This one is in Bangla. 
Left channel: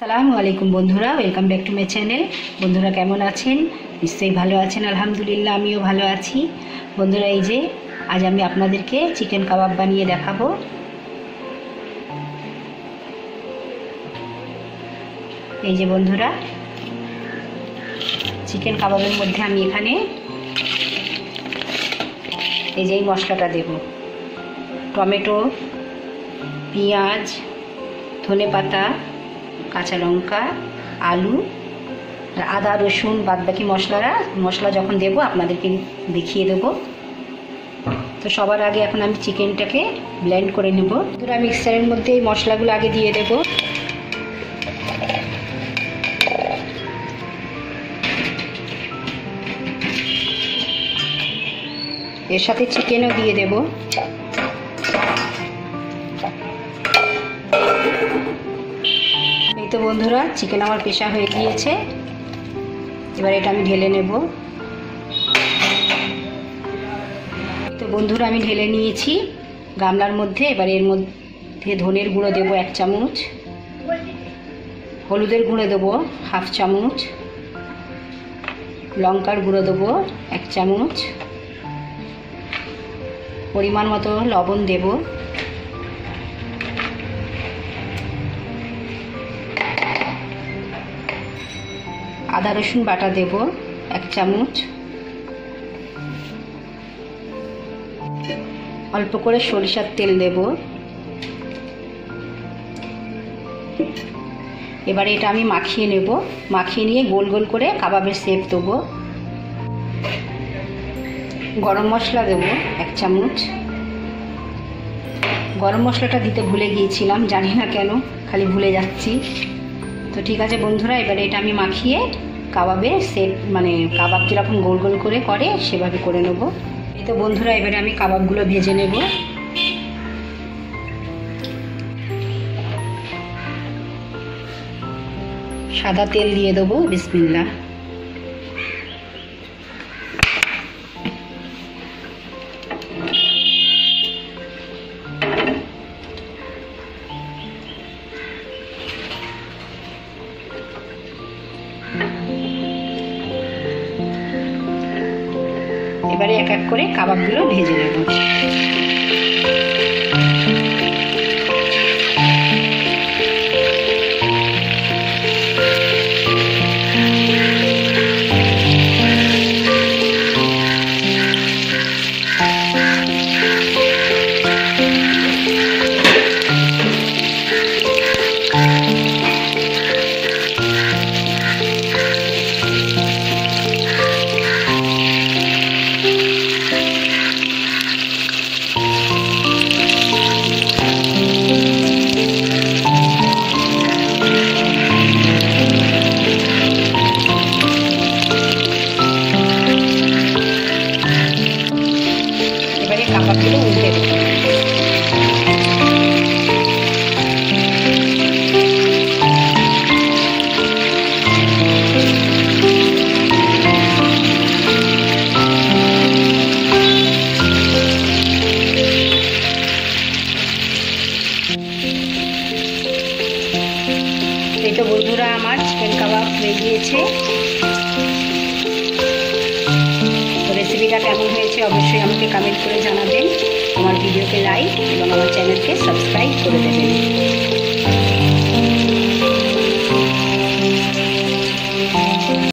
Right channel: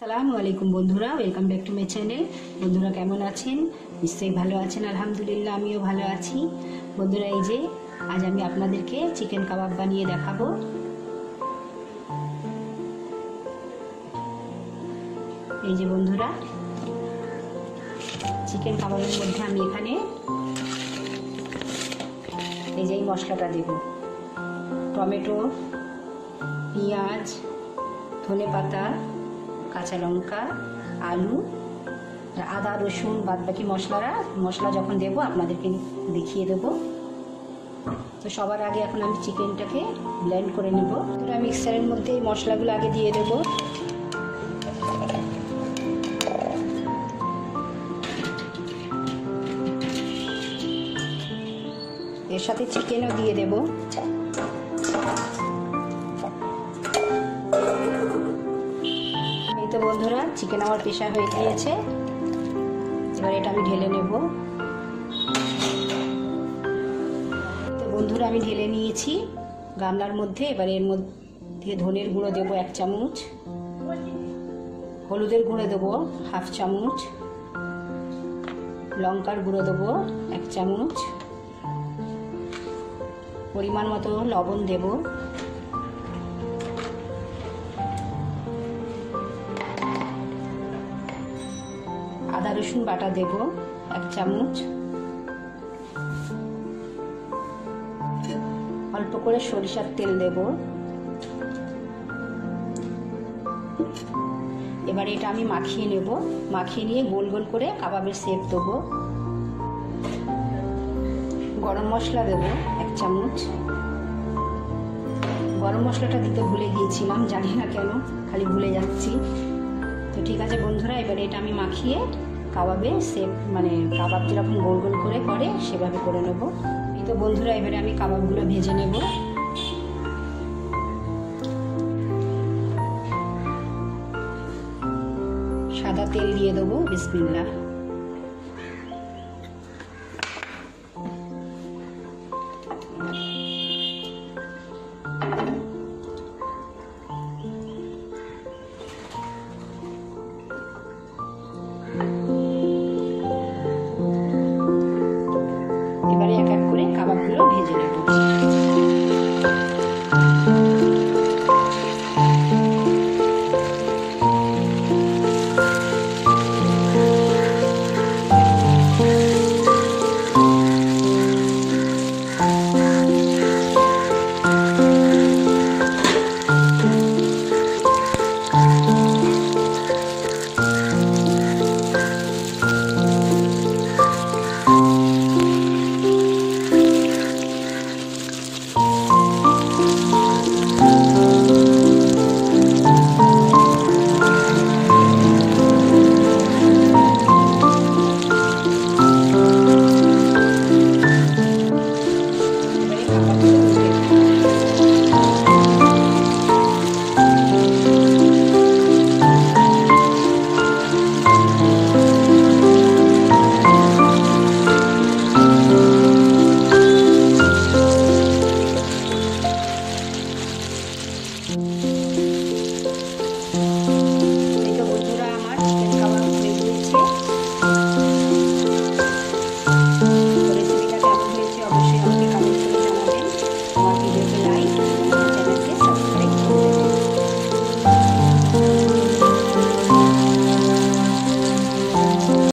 আসসালামু আলাইকুম বন্ধুরা, welcome back to my channel. বন্ধুরা কেমন আছেন? নিশ্চয়ই ভালো আছেন। আলহামদুলিল্লাহ, আমিও ভালো আছি। বন্ধুরা, এই যে আজ আমি আপনাদেরকে চিকেন কাবাব বানিয়ে দেখাবো। এই যে বন্ধুরা, চিকেন কাবাবের মধ্যে আমি এখানে এই যে এই মশলাটা দেব: টমেটো, পেঁয়াজ, ধনেপাতা, কাঁচা লঙ্কা, আলু, আদা, রসুন, বাদবাকি মশলা যখন দেব আপনাদেরকে দেখিয়ে দেব। তো সবার আগে এখন আমি চিকেনটাকে ব্লেন্ড করে নেব। পুরো মিক্সারের মধ্যে এই মশলাগুলো আগে দিয়ে দেব। এর সাথে চিকেনও দিয়ে দেব। এই তো বন্ধুরা, চিকেন আমার পেশা হয়ে গিয়েছে। এবার এটা আমি ঢেলে নেব। তো বন্ধুরা, আমি ঢেলে নিয়েছি গামলার মধ্যে। এবার এর মধ্যে ধনের গুঁড়ো দেব 1 চামচ, হলুদের গুঁড়ো দেবো 1/2 চামচ, লঙ্কার গুঁড়ো দেবো 1 চামচ, পরিমাণ মতো লবণ দেব, আদা রসুন বাটা দেব 1 চামচ, অল্প করে সরিষার তেল দেব। এবারে এটা আমি মাখিয়ে নেব। মাখিয়ে নিয়ে গোল গোল করে কাবাবের শেপ দেবো। গরম মশলা দেব 1 চামচ। গরম মশলাটা দিতে ভুলে গিয়েছিলাম, জানি না কেন, খালি ভুলে যাচ্ছি। তো ঠিক আছে বন্ধুরা, এবারে এটা আমি মাখিয়ে কাবাবের শেপ, মানে কাবাব যেরকম গোল গোল করে সেভাবে করে নেব। এই তো বন্ধুরা, এবারে আমি কাবাবগুলো ভেজে নেব। সাদা তেল দিয়ে দেবো, বিসমিল্লাহ। এবারে এক এক করে কাবাবগুলো ভেজে নেব। কাবাবগুলো উল্টে দেব। এই তো বন্ধুরা, আমার চিকেন কাবাব হয়ে গিয়েছে। রেসিপিটা কেমন হয়েছে অবশ্যই আমাকে কমেন্ট করে জানাবেন। আমার ভিডিওকে লাইক এবং আমার চ্যানেলকে সাবস্ক্রাইব করে দেবেন।